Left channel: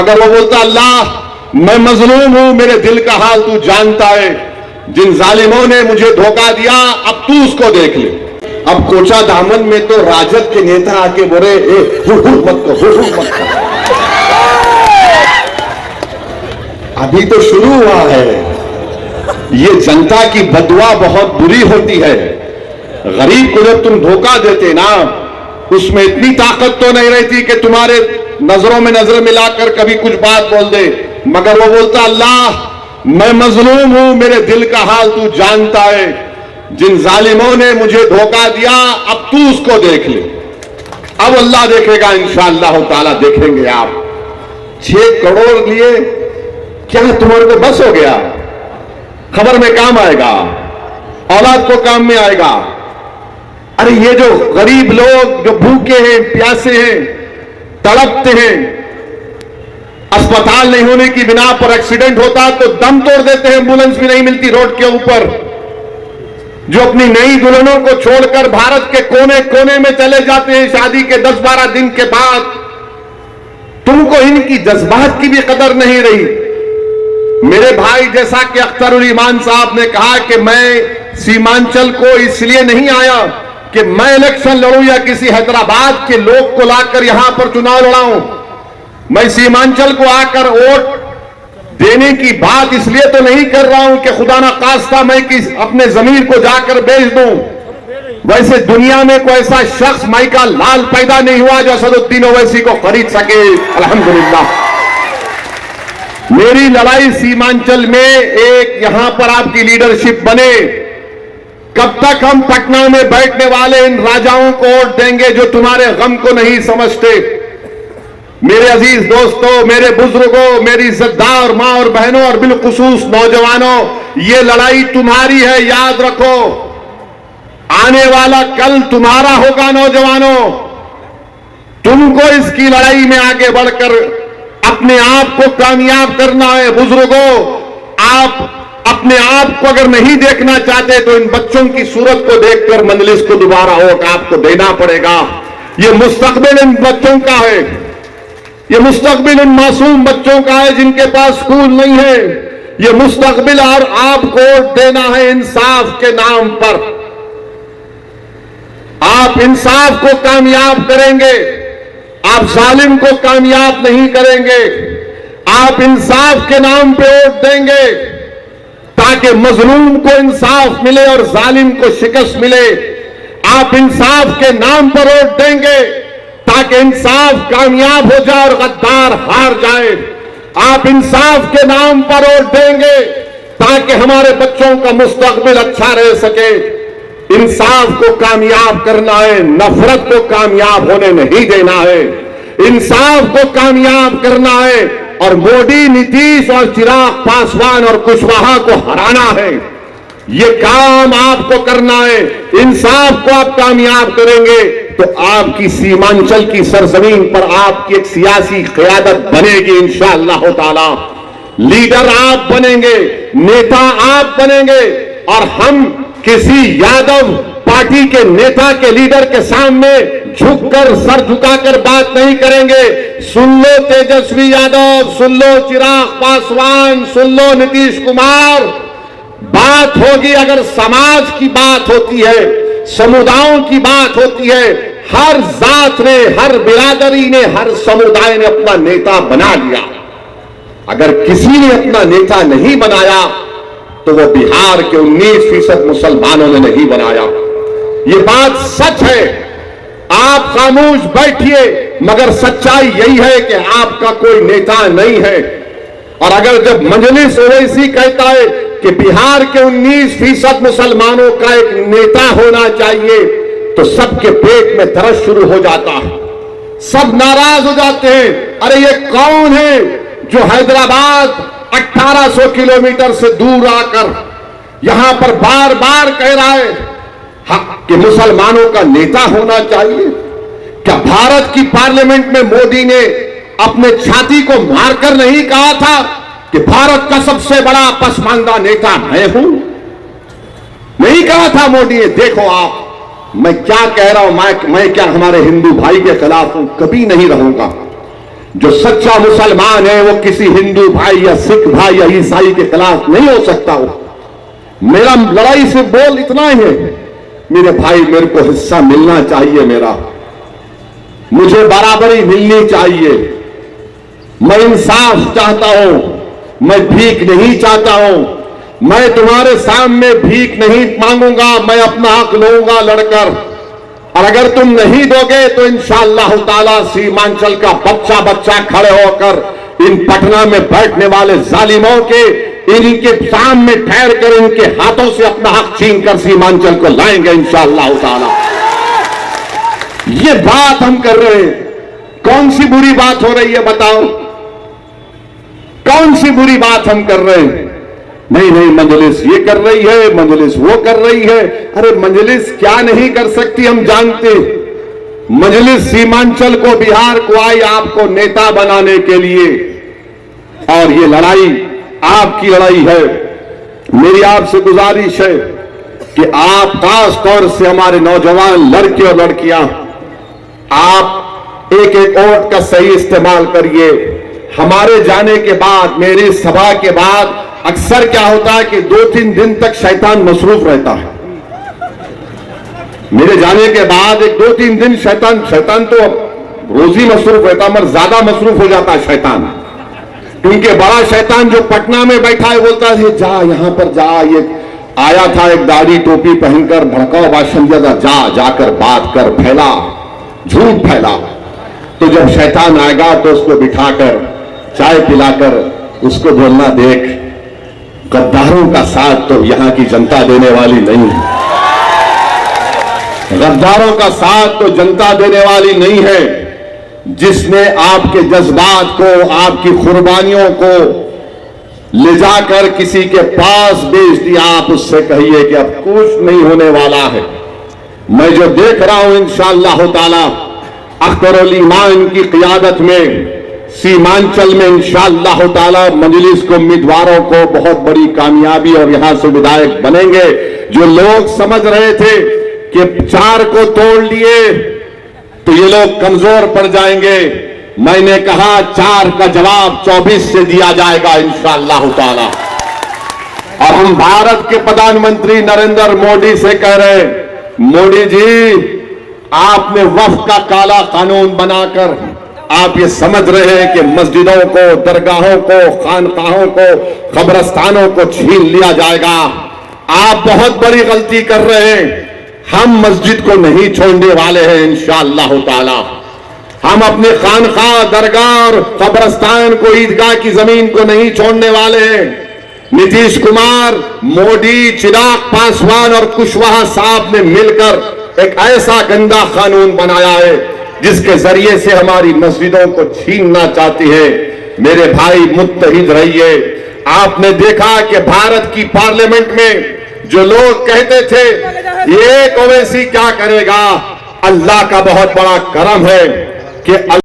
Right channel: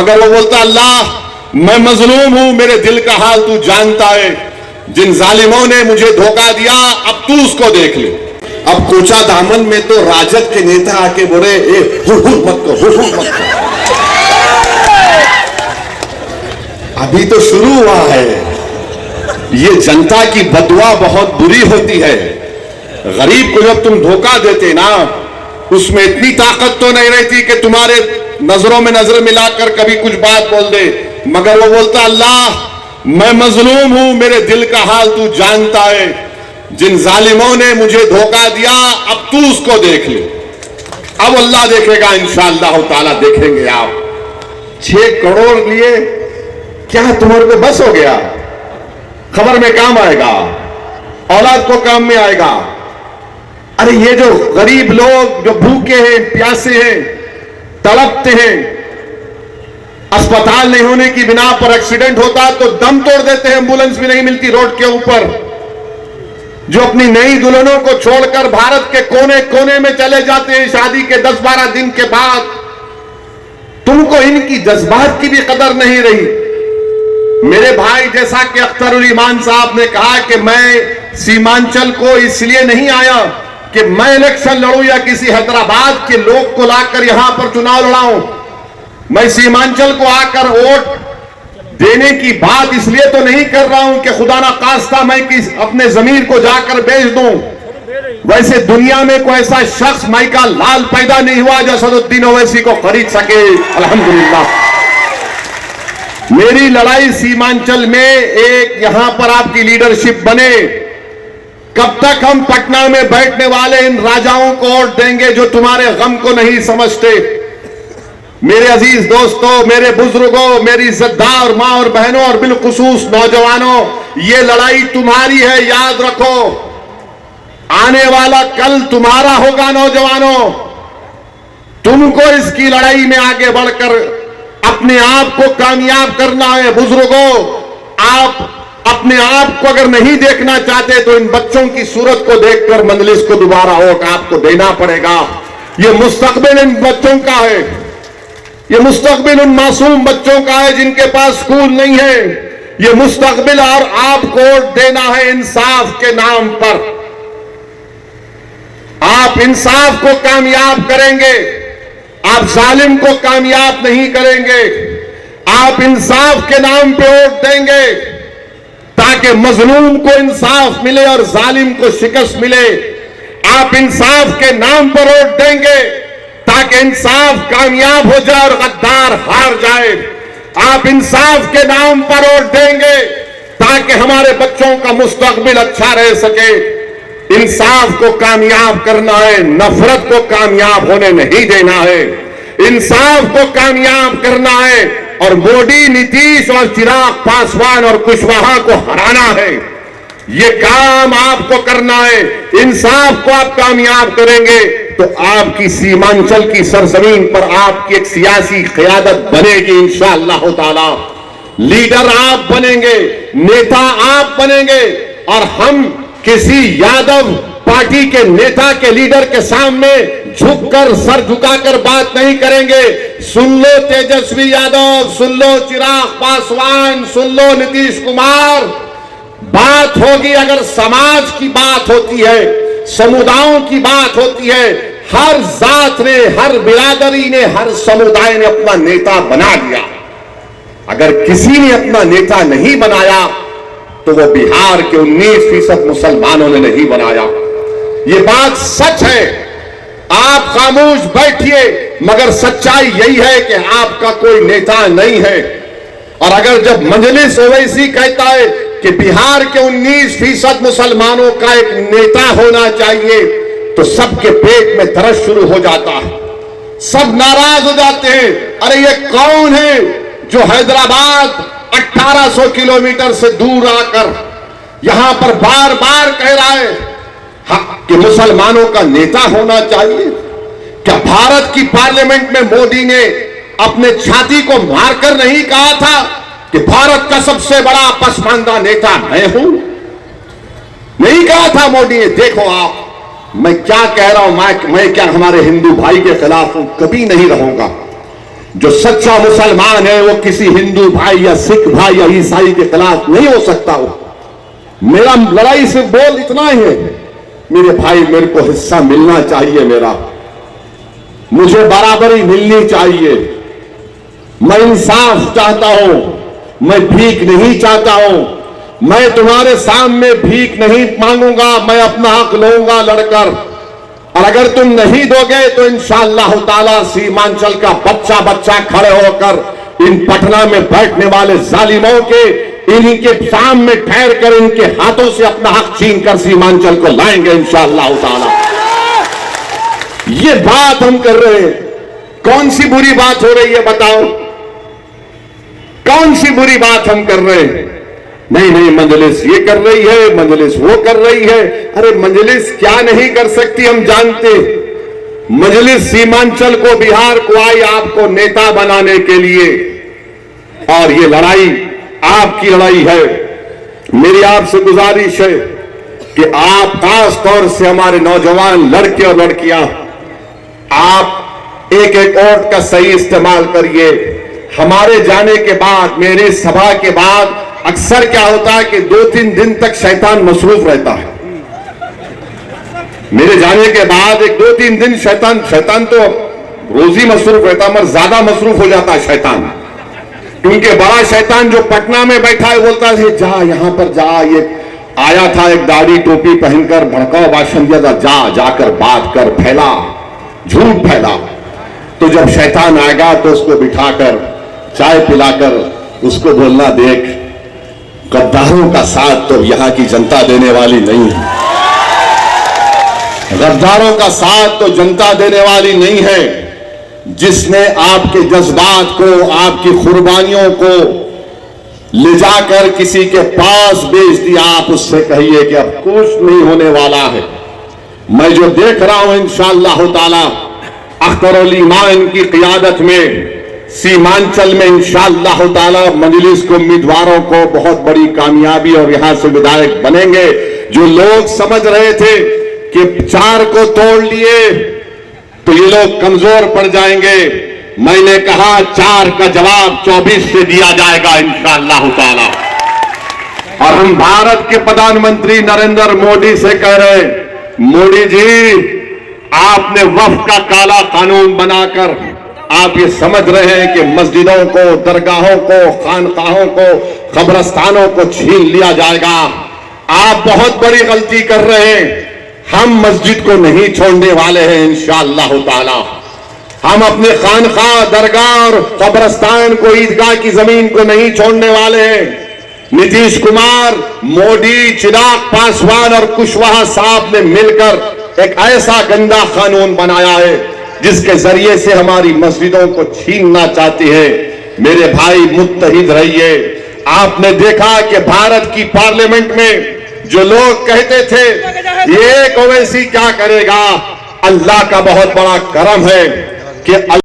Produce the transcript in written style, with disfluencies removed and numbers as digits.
मगर वो बोलता अल्लाह मैं मजलूम हूं, मेरे दिल का हाल तू जानता है। जिन जालिमों ने मुझे धोखा दिया अब तू उसको देख ले। अब कोचा दामन में तो राजद के नेता आके बोले मत करो। अभी तो शुरू हुआ है। ये जनता की बदुआ बहुत बुरी होती है। गरीब को जब तुम धोखा देते ना, उसमें इतनी ताकत तो नहीं रहती कि तुम्हारे नजरों में नजर मिलाकर कभी कुछ बात बोल दे। मगर वो बोलता अल्लाह मैं मजलूम हूं, मेरे दिल का हाल तू जानता है। जिन जालिमों ने मुझे धोखा दिया अब तू उसको देख ले। अब अल्लाह देखेगा, इंशाअल्लाह ताला देखेंगे आप। 6 करोड़ लिए क्या तुम्हारे को बस हो गया? खबर में काम आएगा, औलाद को काम में आएगा। अरे ये जो गरीब लोग जो भूखे हैं, प्यासे हैं, तड़पते हैं, अस्पताल नहीं होने की बिना पर एक्सीडेंट होता तो दम तोड़ देते हैं, एम्बुलेंस भी नहीं मिलती रोड के ऊपर, जो अपनी नई दुल्हनों को छोड़कर भारत के कोने कोने में चले जाते हैं शादी के 10-12 दिन के बाद। तुमको इनकी जज्बात की भी कदर नहीं रही। मेरे भाई जैसा कि अख्तरुल ईमान साहब ने कहा कि मैं सीमांचल को इसलिए नहीं आया कि मैं इलेक्शन लड़ूं या किसी हैदराबाद के लोग को लाकर यहां पर चुनाव लड़ाऊं। मैं सीमांचल को आकर वोट देने की बात इसलिए तो नहीं कर रहा हूं कि खुदा ना खास्ता मैं अपने जमीन को जाकर बेच दूं। वैसे दुनिया में कोई ऐसा शख्स माइका लाल पैदा नहीं हुआ जो असदुद्दीन ओवैसी को खरीद सके। अल्हम्दुलिल्लाह मेरी लड़ाई सीमांचल में एक यहां पर आपकी लीडरशिप बने। कब तक हम पटना में बैठने वाले इन राजाओं को वोट देंगे जो तुम्हारे गम को नहीं समझते? मेरे अजीज दोस्तों, मेरे बुजुर्गों, मेरी इज्जतदार मां और बहनों और बिलखुसूस नौजवानों, ये लड़ाई तुम्हारी है, याद रखो। आने वाला कल तुम्हारा होगा नौजवानों। तुमको इसकी लड़ाई में आगे बढ़कर अपने आप को कामयाब करना है। बुजुर्गों, आप अपने आप को अगर नहीं देखना चाहते तो इन बच्चों की सूरत को देखकर मजलिस को दोबारा वोट आपको देना पड़ेगा। ये मुस्तकबिल इन बच्चों का है, ये मुस्तकबिल उन मासूम बच्चों का है जिनके पास स्कूल नहीं है। ये मुस्तकबिल और आपको वोट देना है इंसाफ के नाम पर। आप इंसाफ को कामयाब करेंगे, आप जालिम को कामयाब नहीं करेंगे। आप इंसाफ के नाम पे वोट देंगे ताकि मजलूम को इंसाफ मिले और जालिम को शिकस्त मिले। आप इंसाफ के नाम पर वोट देंगे ताकि इंसाफ कामयाब हो जाए और गद्दार हार जाए। आप इंसाफ के नाम पर वोट देंगे ताकि हमारे बच्चों का मुस्तकबिल अच्छा रह सके। इंसाफ को कामयाब करना है, नफरत को कामयाब होने नहीं देना है। इंसाफ को कामयाब करना है और मोदी, नीतीश और चिराग पासवान और कुशवाहा को हराना है। ये काम आपको करना है। इंसाफ को आप कामयाब करेंगे तो आपकी सीमांचल की सरजमीन पर आपकी एक सियासी क़यादत बनेगी इंशाअल्लाह ताला। लीडर आप बनेंगे, नेता आप बनेंगे और हम किसी यादव पार्टी के नेता के लीडर के सामने झुककर सर झुकाकर बात नहीं करेंगे। सुन लो तेजस्वी यादव, सुन लो चिराग पासवान, सुन लो नीतीश कुमार। बात होगी अगर समाज की बात होती है, समुदायों की बात होती है, हर जात ने, हर बिरादरी ने, हर समुदाय ने अपना नेता बना लिया। अगर किसी ने अपना नेता नहीं बनाया तो वो बिहार के 19% मुसलमानों ने नहीं बनाया। ये बात सच है। आप खामोश बैठिए मगर सच्चाई यही है कि आपका कोई नेता नहीं है। और अगर जब मजलिस ओवैसी कहता है कि बिहार के 19% मुसलमानों का एक नेता होना चाहिए तो सबके पेट में दर्द शुरू हो जाता है, सब नाराज हो जाते हैं। अरे ये कौन है जो हैदराबाद 1800 किलोमीटर से दूर आकर यहां पर बार बार कह रहा है कि मुसलमानों का नेता होना चाहिए? क्या भारत की पार्लियामेंट में मोदी ने अपने छाती को मारकर नहीं कहा था कि भारत का सबसे बड़ा पसमानदा नेता मैं हूं? नहीं कहा था मोदी ने। देखो आप, मैं क्या कह रहा हूं, मैं क्या हमारे हिंदू भाई के खिलाफ हूं? कभी नहीं रहूंगा। जो सच्चा मुसलमान है वो किसी हिंदू भाई या सिख भाई या ईसाई के खिलाफ नहीं हो सकता। मेरा लड़ाई से बोल इतना ही है, मेरे भाई मेरे को हिस्सा मिलना चाहिए, मेरा मुझे बराबरी मिलनी चाहिए। मैं इंसाफ चाहता हूं, मैं भीख नहीं चाहता हूं। मैं तुम्हारे सामने भीख नहीं मांगूंगा, मैं अपना हक लूंगा लड़कर। और अगर तुम नहीं दोगे तो इंशाअल्लाह ताला सीमांचल का बच्चा बच्चा खड़े होकर इन पटना में बैठने वाले जालिमों के इनके सामने ठहर कर इनके हाथों से अपना हक छीन कर सीमांचल को लाएंगे इंशाअल्लाह ताला। ये बात हम कर रहे हैं। कौन सी बुरी बात हो रही है बताओ, कौन सी बुरी बात हम कर रहे हैं? नहीं नहीं, मजलिस ये कर रही है, मजलिस वो कर रही है। अरे मजलिस क्या नहीं कर सकती हम जानते। मजलिस सीमांचल को, बिहार को आई आपको नेता बनाने के लिए, और ये लड़ाई आपकी लड़ाई है। मेरी आपसे गुजारिश है कि आप खास तौर से हमारे नौजवान लड़के और लड़कियां, आप एक एक वोट का सही इस्तेमाल करिए। हमारे जाने के बाद, मेरी सभा के बाद अक्सर क्या होता है कि 2-3 दिन तक शैतान मसरूफ रहता है। मेरे जाने के बाद 1-2-3 दिन शैतान तो रोज ही मसरूफ रहता है, मगर ज्यादा मसरूफ हो जाता है शैतान। क्योंकि बड़ा शैतान जो पटना में बैठा है बोलता है जा यहां पर जा, ये आया था एक दाढ़ी टोपी पहनकर भड़काऊ भाषण दिया था, जा जाकर बात कर, फैला झूठ फैला। तो जब शैतान आएगा तो उसको बिठाकर चाय पिलाकर उसको बोलना, देख गद्दारों का साथ तो यहां की जनता देने वाली नहीं है, गद्दारों का साथ तो जनता देने वाली नहीं है। जिसने आपके जज्बात को, आपकी कुर्बानियों को ले जाकर किसी के पास बेच दिया, आप उससे कहिए कि अब कुछ नहीं होने वाला है। मैं जो देख रहा हूं इंशाअल्लाह ताला अख्तरुल ईमान की क़ियादत में सीमांचल में इंशाअल्लाह ताला मजलिस को उम्मीदवारों को बहुत बड़ी कामयाबी और यहां से विधायक बनेंगे। जो लोग समझ रहे थे कि 4 को तोड़ लिए तो ये लोग कमजोर पड़ जाएंगे, मैंने कहा 4 का जवाब 24 से दिया जाएगा इंशाअल्लाह ताला। और हम भारत के प्रधानमंत्री नरेंद्र मोदी से कह रहे हैं, मोदी जी आपने वक्फ का काला कानून बनाकर आप ये समझ रहे हैं कि मस्जिदों को, दरगाहों को, खानकाहों को, कब्रस्तानों को छीन लिया जाएगा। आप बहुत बड़ी गलती कर रहे हैं। हम मस्जिद को नहीं छोड़ने वाले हैं इंशाअल्लाह ताला। हम अपने खानका, दरगाह और कब्रस्तान को, ईदगाह की जमीन को नहीं छोड़ने वाले हैं। नीतीश कुमार, मोदी, चिराग पासवान और कुशवाहा साहब ने मिलकर एक ऐसा गंदा कानून बनाया है जिसके जरिए से हमारी मस्जिदों को छीनना चाहती है। मेरे भाई मुत्तहिद रहिए। आपने देखा कि भारत की पार्लियामेंट में जो लोग कहते थे ये ओवैसी क्या करेगा, अल्लाह का बहुत बड़ा करम है कि